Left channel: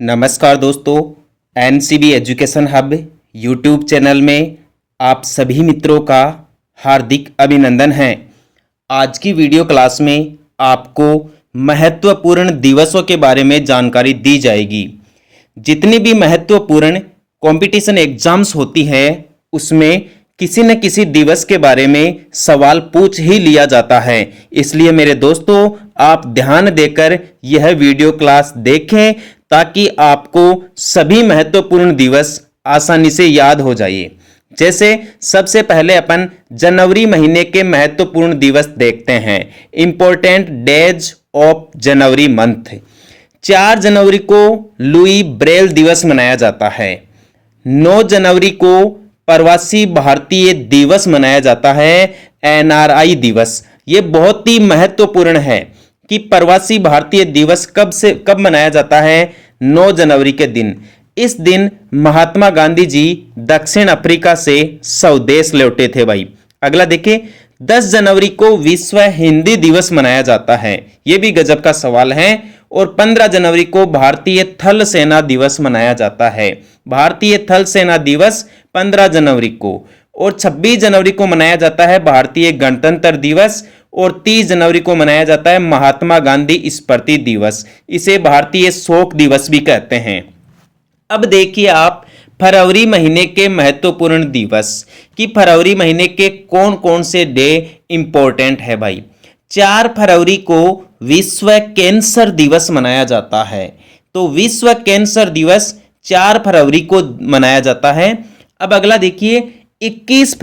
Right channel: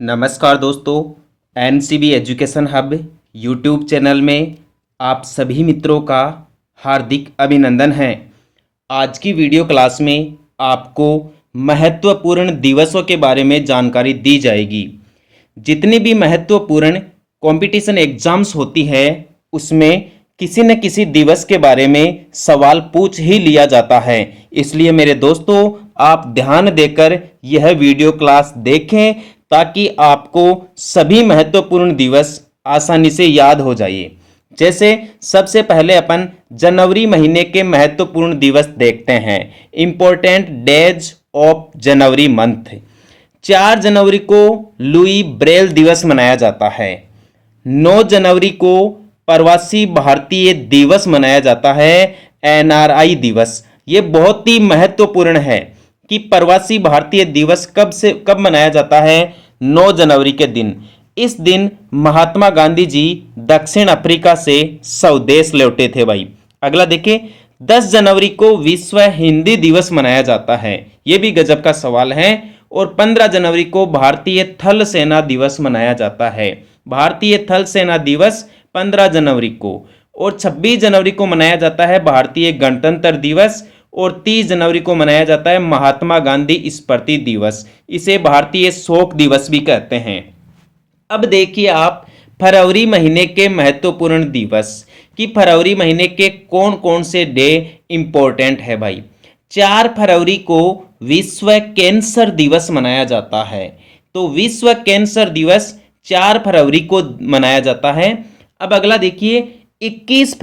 नमस्कार दोस्तों, NCB education hub YouTube channel में आप सभी मित्रों का हार्दिक अभिनंदन है। आज की वीडियो क्लास में आपको महत्वपूर्ण दिवसों के बारे में जानकारी दी जाएगी। जितनी भी महत्वपूर्ण कंपटीशन एग्जाम्स होती है उसमें किसी न किसी दिवस के बारे में सवाल पूछ ही लिया जाता है। इसलिए मेरे दोस्तों, आप ध्यान देकर यह वीडियो क्लास देखें ताकि आपको सभी महत्वपूर्ण दिवस आसानी से याद हो जाए। जैसे सबसे पहले अपन जनवरी महीने के महत्वपूर्ण दिवस देखते हैं। Important days of January month. 4 जनवरी को लुई ब्रेल दिवस मनाया जाता है। 9 जनवरी को प्रवासी भारतीय दिवस मनाया जाता है, एनआरआई दिवस। ये बहुत ही महत्वपूर्ण है कि प्रवासी भारतीय दिवस कब मनाया जाता है? 9 जनवरी के दिन। इस दिन महात्मा गांधी जी दक्षिण अफ्रीका से स्वदेश लौटे थे भाई। अगला देखिए, 10 जनवरी को विश्व हिंदी दिवस मनाया जाता है। यह भी गजब का सवाल है। और 15 जनवरी को भारतीय थल सेना दिवस मनाया जाता है। भारतीय थल सेना दिवस 15 जनवरी को। और 26 जनवरी को मनाया जाता है भारतीय गणतंत्र दिवस। और 30 जनवरी को मनाया जाता है महात्मा गांधी स्मृति दिवस। इसे भारतीय शोक दिवस भी कहते हैं। अब देखिए आप फरवरी महीने के महत्वपूर्ण दिवस कि फरवरी महीने के कौन कौन से डे इंपॉर्टेंट है भाई। 4 फरवरी को विश्व कैंसर दिवस मनाया जाता है। तो विश्व कैंसर दिवस 4 फरवरी को मनाया जाता है। अब अगला देखिए, 21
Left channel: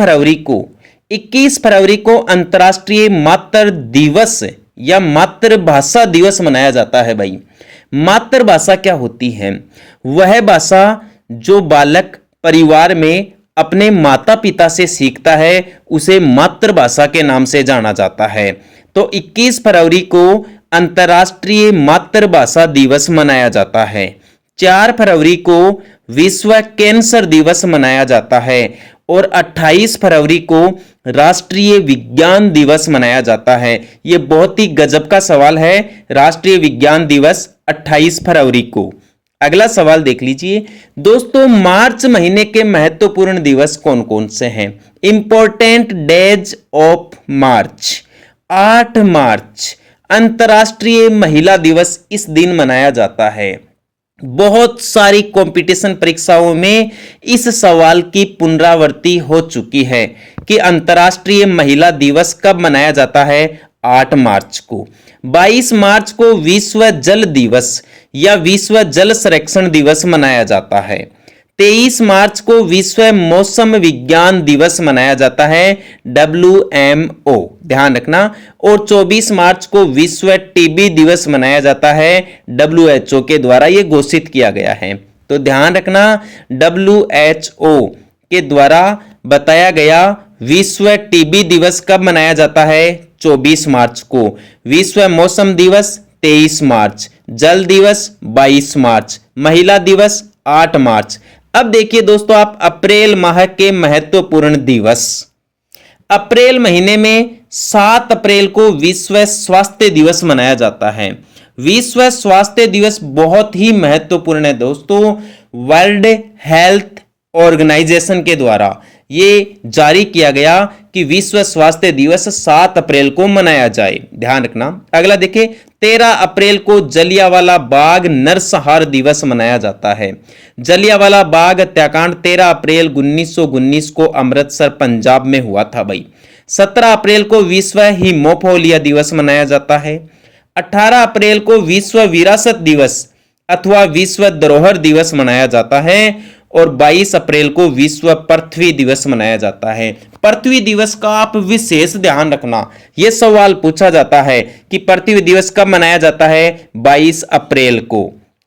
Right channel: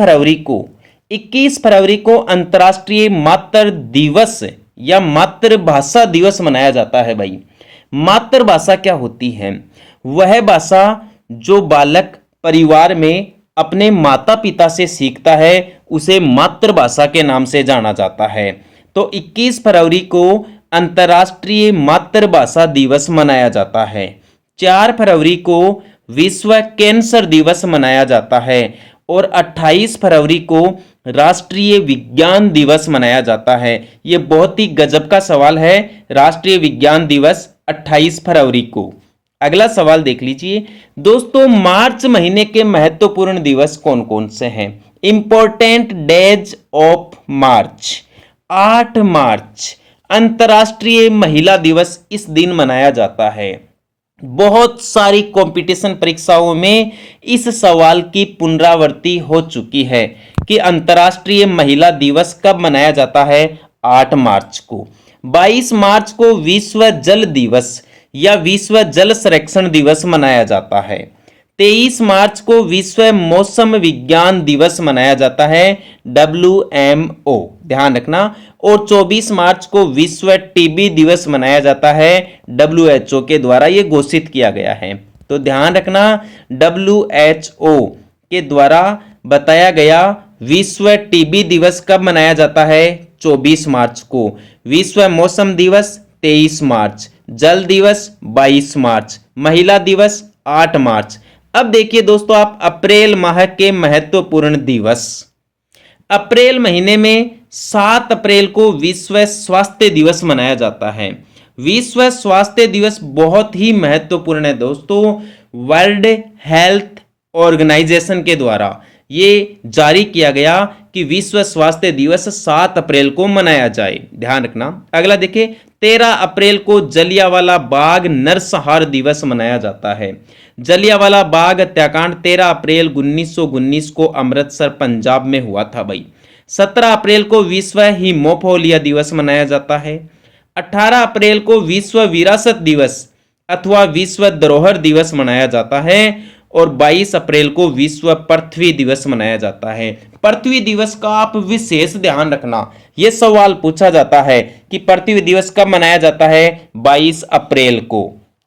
फरवरी को अंतर्राष्ट्रीय मातृ दिवस या मातृभाषा दिवस मनाया जाता है भाई। मातृभाषा क्या होती है? वह भाषा जो बालक परिवार में अपने माता पिता से सीखता है उसे मातृभाषा के नाम से जाना जाता है। तो 21 फरवरी को अंतर्राष्ट्रीय मातृभाषा दिवस मनाया जाता है। 4 फरवरी को विश्व कैंसर दिवस मनाया जाता है। और 28 फरवरी को राष्ट्रीय विज्ञान दिवस मनाया जाता है। यह बहुत ही गजब का सवाल है। राष्ट्रीय विज्ञान दिवस 28 फरवरी को। अगला सवाल देख लीजिए दोस्तों, मार्च महीने के महत्वपूर्ण दिवस कौन कौन से हैं? Important days of March. 8 मार्च अंतर्राष्ट्रीय महिला दिवस इस दिन मनाया जाता है। बहुत सारी कंपटीशन परीक्षाओं में इस सवाल की पुनरावृत्ति हो चुकी है कि अंतर्राष्ट्रीय महिला दिवस कब मनाया जाता है? 8 मार्च को। 22 मार्च को विश्व जल दिवस या विश्व जल संरक्षण दिवस मनाया जाता है। 23 मार्च को विश्व मौसम विज्ञान दिवस मनाया जाता है, WMO, ध्यान रखना। और 24 मार्च को विश्व टीबी दिवस मनाया जाता है, WHO के द्वारा ये घोषित किया गया है। तो ध्यान रखना, WHO के द्वारा बताया गया विश्व टीबी दिवस कब मनाया जाता है? 24 मार्च को। विश्व मौसम दिवस 23 मार्च, जल दिवस 22 मार्च, महिला दिवस 8 मार्च। अब देखिए दोस्तों आप अप्रैल माह के महत्वपूर्ण दिवस। अप्रैल महीने में 7 अप्रैल को विश्व स्वास्थ्य दिवस मनाया जाता है। विश्व स्वास्थ्य दिवस बहुत ही महत्वपूर्ण है दोस्तों। वर्ल्ड हेल्थ ऑर्गेनाइजेशन के द्वारा ये जारी किया गया कि विश्व स्वास्थ्य दिवस 7 अप्रैल को मनाया जाए, ध्यान रखना। अगला देखिए, 13 अप्रैल को जलियांवाला बाग नरसंहार दिवस मनाया जाता है। जलियांवाला बाग हत्याकांड 13 अप्रैल 1919 को अमृतसर पंजाब में हुआ था भाई। 17 अप्रैल को विश्व हीमोफीलिया दिवस मनाया जाता है। 18 अप्रैल को विश्व विरासत दिवस अथवा विश्व धरोहर दिवस मनाया जाता है। और 22 अप्रैल को विश्व पृथ्वी दिवस मनाया जाता है। पृथ्वी दिवस का आप विशेष ध्यान रखना, यह सवाल पूछा जाता है कि पृथ्वी दिवस कब मनाया जाता है? 22 अप्रैल को।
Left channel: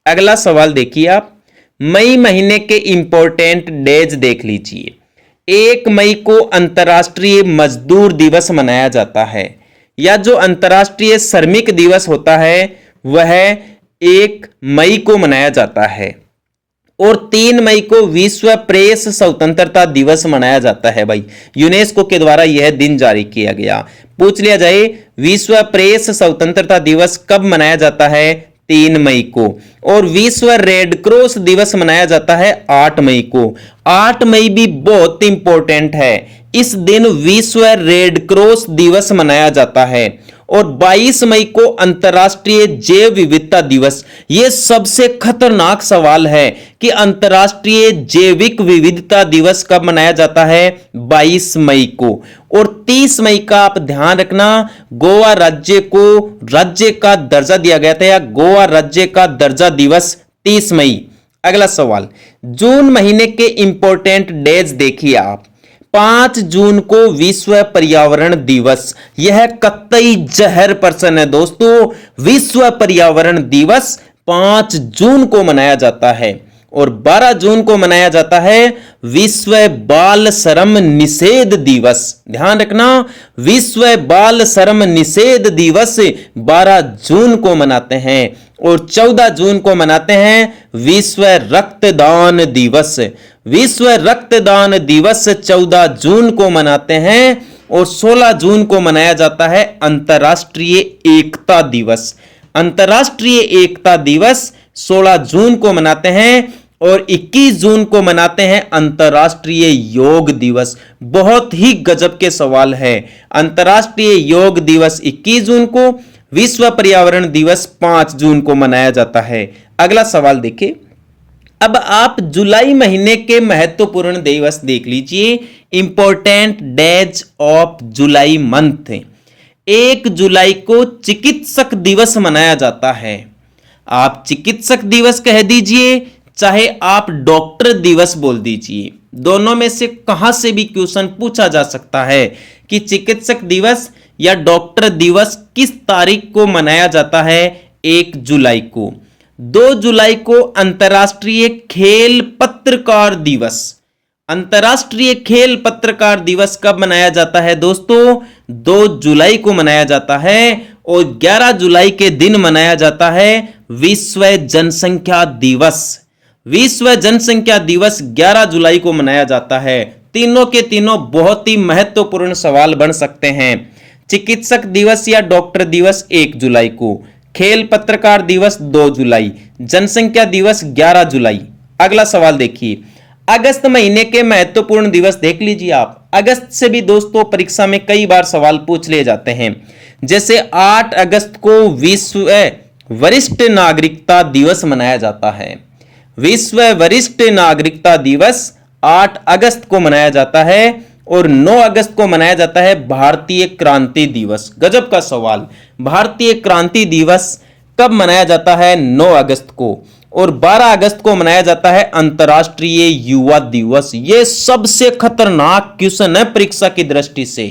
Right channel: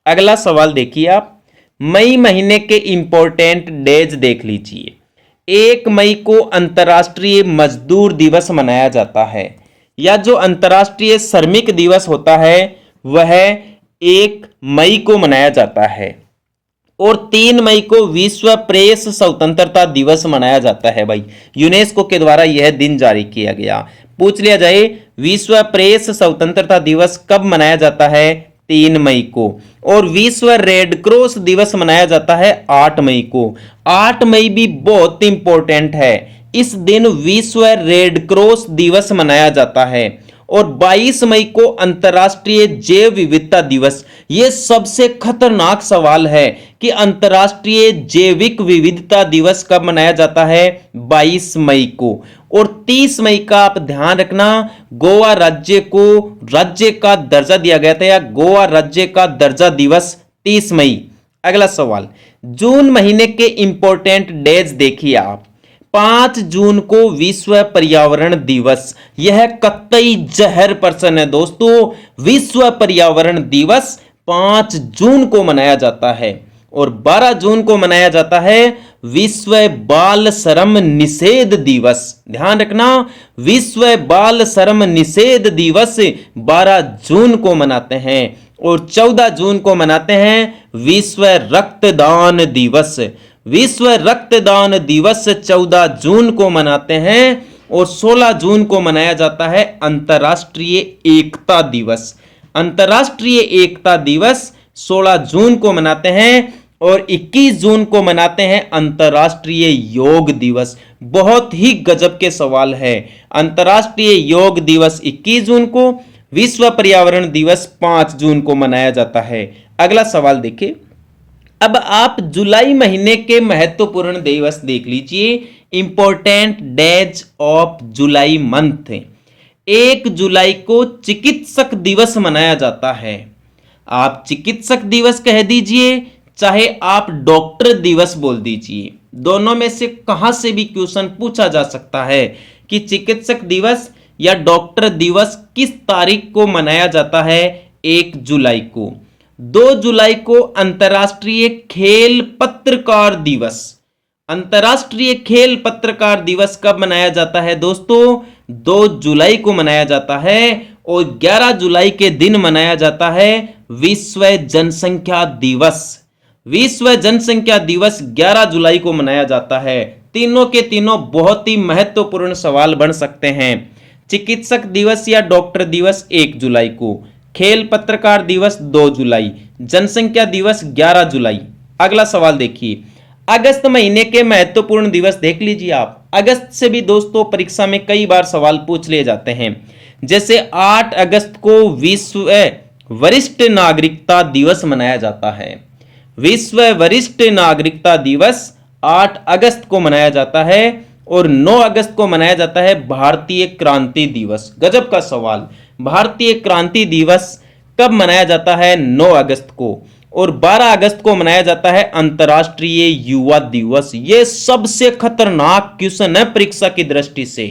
अगला सवाल देखिए आप, मई महीने के इंपॉर्टेंट डेज देख लीजिए। 1 मई को अंतर्राष्ट्रीय मजदूर दिवस मनाया जाता है, या जो अंतर्राष्ट्रीय श्रमिक दिवस होता है वह 1 मई को मनाया जाता है। और 3 मई को विश्व प्रेस स्वतंत्रता दिवस मनाया जाता है भाई। यूनेस्को के द्वारा यह दिन जारी किया गया। पूछ लिया जाए विश्व प्रेस स्वतंत्रता दिवस कब मनाया जाता है? 3 मई को। और विश्व रेड क्रॉस दिवस मनाया जाता है 8 मई को। 8 मई भी बहुत इंपॉर्टेंट है, इस दिन विश्व रेड क्रॉस दिवस मनाया जाता है। और 22 मई को अंतर्राष्ट्रीय जैव विविधता दिवस। यह सबसे खतरनाक सवाल है कि अंतर्राष्ट्रीय जैविक विविधता दिवस कब मनाया जाता है? 22 मई को। और 30 मई का आप ध्यान रखना, गोवा राज्य को राज्य का दर्जा दिया गया था, या गोवा राज्य का दर्जा दिवस 30 मई। अगला सवाल, जून महीने के इंपॉर्टेंट डेज देखिए आप। 5 जून को विश्व पर्यावरण दिवस। यह कतई जहर प्रश्न है दोस्तों। विश्व पर्यावरण दिवस 5 जून को मनाया जाता है। और 12 जून को मनाया जाता है विश्व बाल श्रम निषेध दिवस। ध्यान रखना, विश्व बाल श्रम निषेध दिवस 12 जून को मनाते हैं। और 14 जून को मनाते हैं विश्व रक्तदान दिवस। विश्व रक्तदान दिवस 14 जून को मनाते हैं। और 16 जून को मनाया जाता है अंतर्राष्ट्रीय एकता दिवस। अंतर्राष्ट्रीय एकता दिवस 16 जून को मनाते हैं। और 21 जून को मनाते हैं अंतर्राष्ट्रीय योग दिवस। बहुत ही गजब के सवाल है। अंतर्राष्ट्रीय योग दिवस 21 जून को, विश्व पर्यावरण दिवस 5 जून को मनाया जाता है। अगला सवाल देखिए। अब आप जुलाई महीने के महत्वपूर्ण दिवस देख लीजिए। Important days of July month. 1 जुलाई को चिकित्सक दिवस मनाया जाता है। आप चिकित्सक दिवस कह दीजिए, चाहे आप डॉक्टर दिवस बोल दीजिए, दोनों में से कहां से भी क्वेश्चन पूछा जा सकता है कि चिकित्सक दिवस या डॉक्टर दिवस किस तारीख को मनाया जाता है? 1 जुलाई को। 2 जुलाई को अंतर्राष्ट्रीय खेल पत्रकार दिवस। अंतर्राष्ट्रीय खेल पत्रकार दिवस कब मनाया जाता है दोस्तों? 2 जुलाई को मनाया जाता है। और 11 जुलाई के दिन मनाया जाता है विश्व जनसंख्या दिवस। विश्व जनसंख्या दिवस 11 जुलाई को मनाया जाता है। तीनों के तीनों बहुत ही महत्वपूर्ण सवाल बन सकते हैं। चिकित्सक दिवस या डॉक्टर दिवस 1 जुलाई को, खेल पत्रकार दिवस 2 जुलाई, जनसंख्या दिवस 11 जुलाई। अगला सवाल देखिए। अगस्त महीने के महत्वपूर्ण दिवस देख लीजिए आप। अगस्त से भी दोस्तों परीक्षा में कई बार सवाल पूछ लिए जाते हैं। जैसे 8 अगस्त को विश्व वरिष्ठ नागरिकता दिवस मनाया जाता है। विश्व वरिष्ठ नागरिकता दिवस 8 अगस्त को मनाया जाता है। और 9 अगस्त को मनाया जाता है भारतीय क्रांति दिवस। गजब का सवाल। भारतीय क्रांति दिवस कब मनाया जाता है? 9 अगस्त को। और 12 अगस्त को मनाया जाता है अंतर्राष्ट्रीय युवा दिवस। यह सबसे खतरनाक क्वेश्चन है परीक्षा की दृष्टि से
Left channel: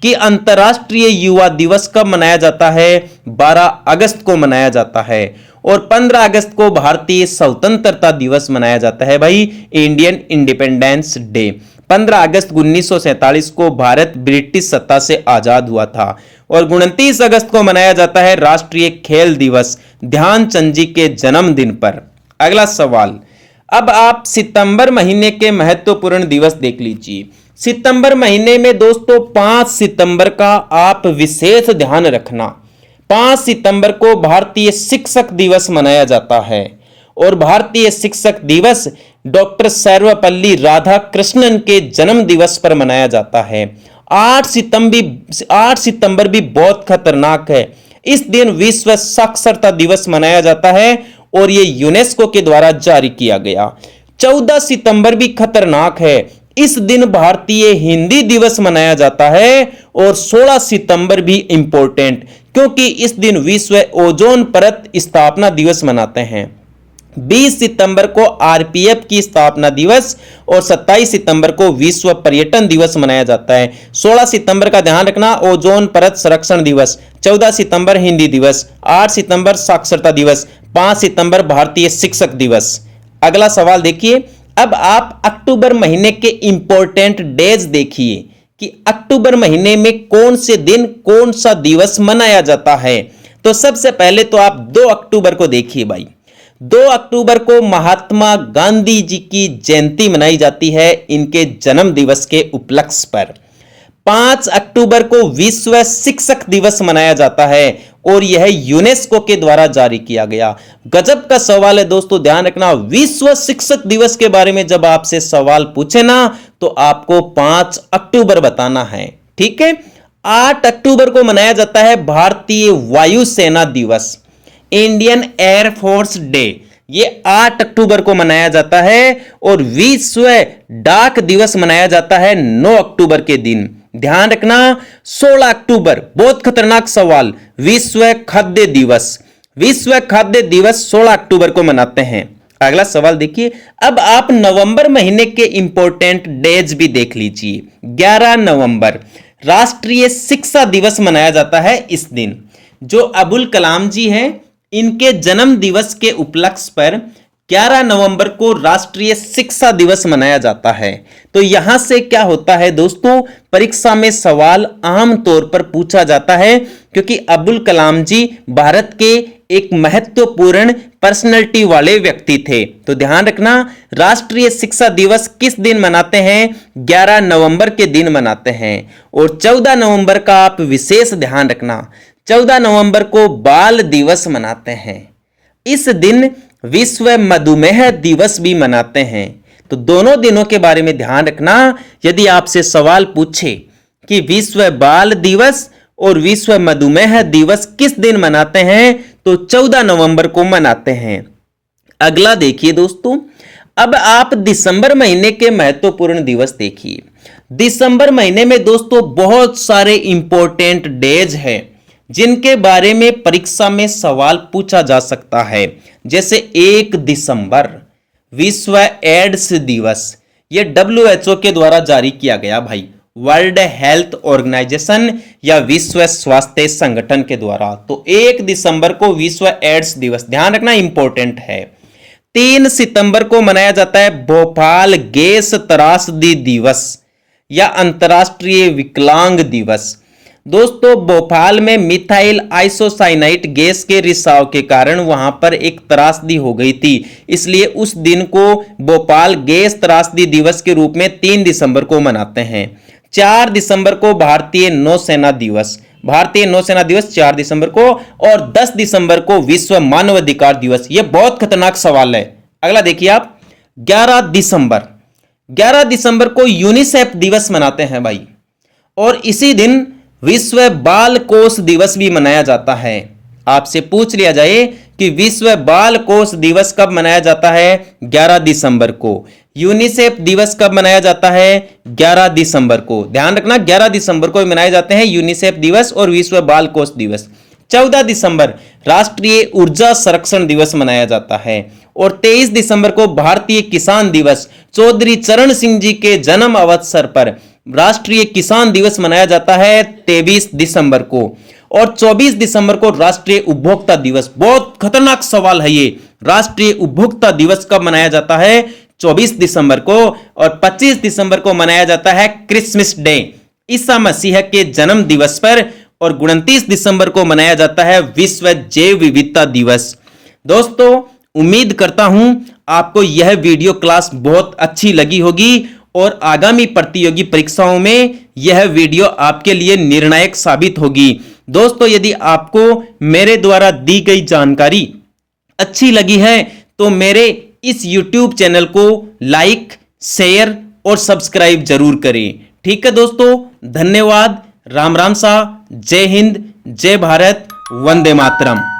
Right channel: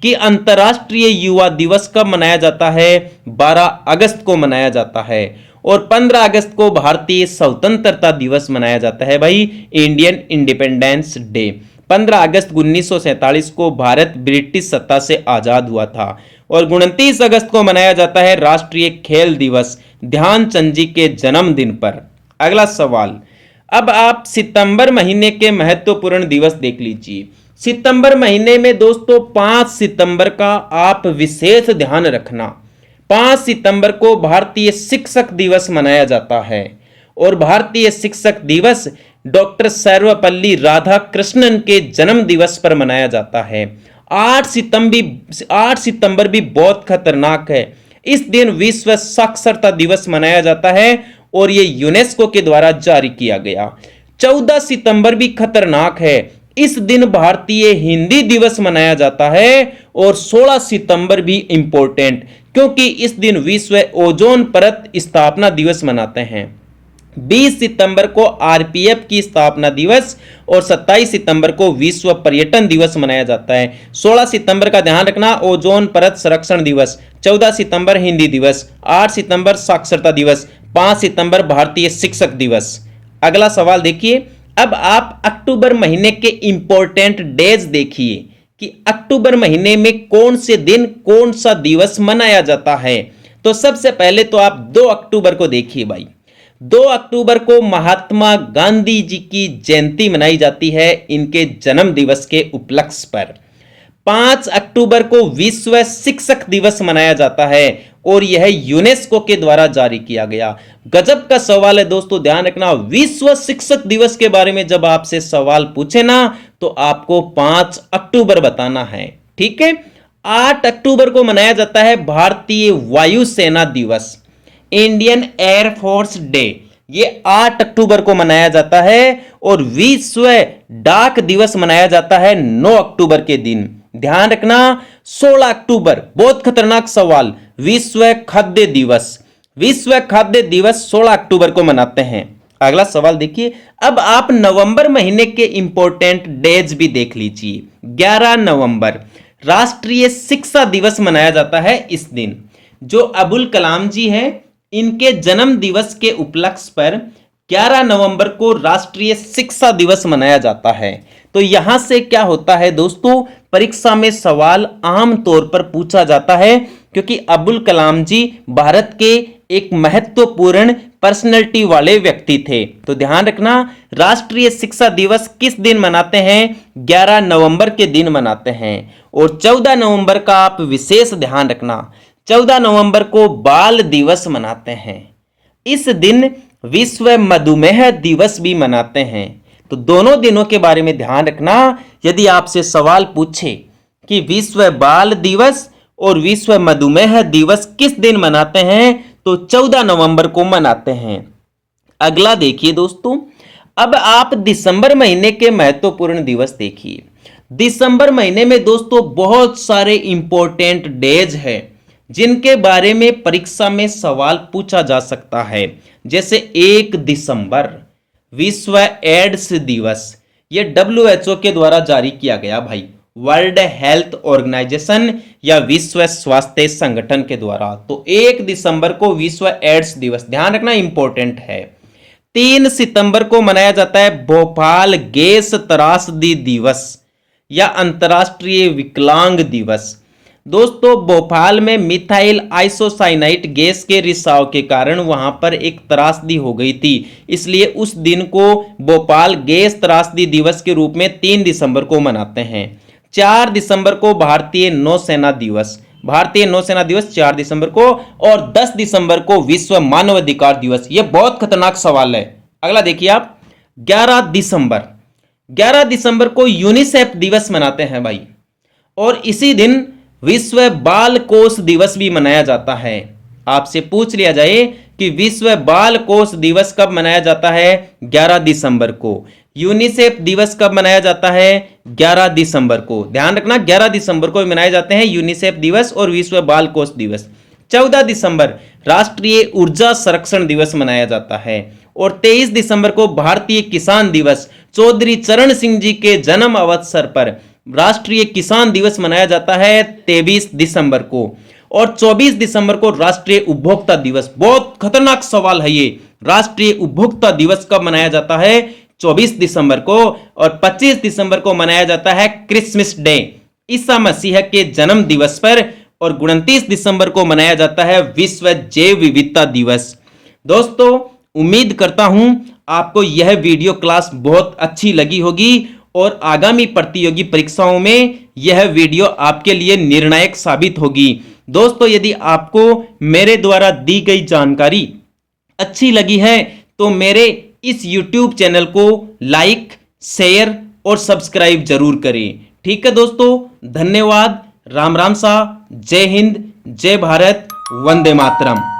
कि अंतर्राष्ट्रीय युवा दिवस कब मनाया जाता है? 12 अगस्त को मनाया जाता है। और 15 अगस्त को भारतीय स्वतंत्रता दिवस मनाया जाता है भाई, इंडियन इंडिपेंडेंस डे। 15 अगस्त 1947 को भारत ब्रिटिश सत्ता से आजाद हुआ था। और 29 अगस्त को मनाया जाता है राष्ट्रीय खेल दिवस, ध्यानचंद जी के जन्मदिन पर। अगला सवाल। अब आप सितंबर महीने के महत्वपूर्ण दिवस देख लीजिए। सितंबर महीने में दोस्तों 5 सितंबर का आप विशेष ध्यान रखना। 5 सितंबर को भारतीय शिक्षक दिवस मनाया जाता है। और भारतीय शिक्षक दिवस डॉक्टर सर्वपल्ली राधाकृष्णन के जन्म दिवस पर मनाया जाता है। 8 सितंबर भी बहुत खतरनाक है। इस दिन विश्व साक्षरता दिवस मनाया जाता है और यह यूनेस्को के द्वारा जारी किया गया। 14 सितंबर भी खतरनाक है। इस दिन भारतीय हिंदी दिवस मनाया जाता है। और 16 सितंबर भी इंपॉर्टेंट, क्योंकि इस दिन विश्व ओजोन परत स्थापना दिवस मनाते हैं। 20 सितंबर को आरपीएफ की स्थापना दिवस और 27 सितंबर को विश्व पर्यटन दिवस मनाया जाता है। 16 सितंबर का ध्यान रखना, ओजोन परत संरक्षण दिवस। 14 सितंबर हिंदी दिवस। 8 सितंबर साक्षरता दिवस। 5 सितंबर भारतीय शिक्षक दिवस। अगला सवाल देखिए। अब आप अक्टूबर महीने के इंपॉर्टेंट डेज देखिए कि अक्टूबर महीने में कौन से दिन कौन सा दिवस मनाया जाता है। तो सबसे पहले तो आप 2 अक्टूबर को देखिए भाई। 2 अक्टूबर को महात्मा गांधी जी की जयंती मनाई जाती है, इनके जन्म दिवस के उपलक्ष्य पर। 5 अक्टूबर को विश्व शिक्षक दिवस मनाया जाता है और यह यूनेस्को के द्वारा जारी किया गया। गजब का सवाल है दोस्तों, ध्यान रखना। विश्व शिक्षक दिवस के बारे में जब आपसे सवाल पूछे ना तो आपको 5 अक्टूबर बताना है, ठीक है। 8 अक्टूबर को मनाया जाता है भारतीय वायुसेना दिवस, इंडियन एयरफोर्स डे। ये 8 अक्टूबर को मनाया जाता है और विश्व डाक दिवस मनाया जाता है 9 अक्टूबर के दिन। ध्यान रखना 16 अक्टूबर, बहुत खतरनाक सवाल, विश्व खाद्य दिवस। विश्व खाद्य दिवस 16 अक्टूबर को मनाते हैं। अगला सवाल देखिए, अब आप नवंबर महीने के इंपॉर्टेंट डेज भी देख लीजिए। 11 नवंबर राष्ट्रीय शिक्षा दिवस मनाया जाता है इस दिन। जो अबुल कलाम जी हैं, इनके जन्म दिवस के उपलक्ष्य पर 11 नवंबर को राष्ट्रीय शिक्षा दिवस मनाया जाता है। तो यहां से क्या होता है दोस्तों, परीक्षा में सवाल आम तौर पर पूछा जाता है क्योंकि अबुल कलाम जी भारत के एक महत्वपूर्ण पर्सनैलिटी वाले व्यक्ति थे। तो ध्यान रखना, राष्ट्रीय शिक्षा दिवस किस दिन मनाते हैं? 11 नवंबर के दिन मनाते हैं। और 14 नवंबर का आप विशेष ध्यान रखना, 14 नवंबर को बाल दिवस मनाते हैं। इस दिन विश्व मधुमेह दिवस भी मनाते हैं। तो दोनों दिनों के बारे में ध्यान रखना। यदि आपसे सवाल पूछे कि विश्व बाल दिवस और विश्व मधुमेह दिवस किस दिन मनाते हैं, तो 14 नवंबर को मनाते हैं। अगला देखिए दोस्तों, अब आप दिसंबर महीने के महत्वपूर्ण दिवस देखिए। दिसंबर महीने में दोस्तों बहुत सारे इंपॉर्टेंट डेज हैं जिनके बारे में परीक्षा में सवाल पूछा जा सकता है। जैसे 1 दिसंबर विश्व एड्स दिवस, यह WHO के द्वारा जारी किया गया भाई, वर्ल्ड हेल्थ ऑर्गेनाइजेशन या विश्व स्वास्थ्य संगठन के द्वारा। तो 1 दिसंबर को विश्व एड्स दिवस, ध्यान रखना इंपॉर्टेंट है। 3 सितंबर को मनाया जाता है भोपाल गैस त्रासदी दिवस या अंतर्राष्ट्रीय विकलांग दिवस। दोस्तों भोपाल में मिथाइल आइसोसाइनाइट गैस के रिसाव के कारण वहां पर एक त्रासदी हो गई थी, इसलिए उस दिन को भोपाल गैस त्रासदी दिवस के रूप में 3 दिसंबर को मनाते हैं। 4 दिसंबर को भारतीय नौसेना दिवस, भारतीय नौसेना दिवस 4 दिसंबर को। और 10 दिसंबर को विश्व मानवाधिकार दिवस। यह बहुत खतरनाक सवाल है। अगला देखिए आप, 11 दिसंबर, 11 दिसंबर को यूनिसेफ दिवस मनाते हैं भाई। और इसी दिन विश्व बाल कोष दिवस भी मनाया जाता है। आपसे पूछ लिया जाए कि विश्व बाल कोष दिवस कब मनाया जाता है? 11 दिसंबर को। यूनिसेफ दिवस कब मनाया जाता है? 11 दिसंबर को। ध्यान रखना 11 दिसंबर को मनाए जाते हैं यूनिसेफ दिवस और विश्व बाल कोष दिवस। 14 दिसंबर राष्ट्रीय ऊर्जा संरक्षण दिवस मनाया जाता है। और 23 दिसंबर को भारतीय किसान दिवस, चौधरी चरण सिंह जी के जन्म अवसर पर राष्ट्रीय किसान दिवस मनाया जाता है 23 दिसंबर को। और 24 दिसंबर को राष्ट्रीय उपभोक्ता दिवस। बहुत खतरनाक सवाल है ये, राष्ट्रीय उपभोक्ता दिवस कब मनाया जाता है? 24 दिसंबर को। और 25 दिसंबर को मनाया जाता है क्रिसमस डे, ईसा मसीह के जन्म दिवस पर। और 29 दिसंबर को मनाया जाता है विश्व जैव विविधता दिवस। दोस्तों उम्मीद करता हूं आपको यह वीडियो क्लास बहुत अच्छी लगी होगी और आगामी प्रतियोगी परीक्षाओं में यह वीडियो आपके लिए निर्णायक साबित होगी। दोस्तों यदि आपको मेरे द्वारा दी गई जानकारी अच्छी लगी है तो मेरे इस YouTube चैनल को लाइक, शेयर और सब्सक्राइब जरूर करें। ठीक है दोस्तों, धन्यवाद। राम राम सा, जय हिंद, जय भारत, वंदे मातरम।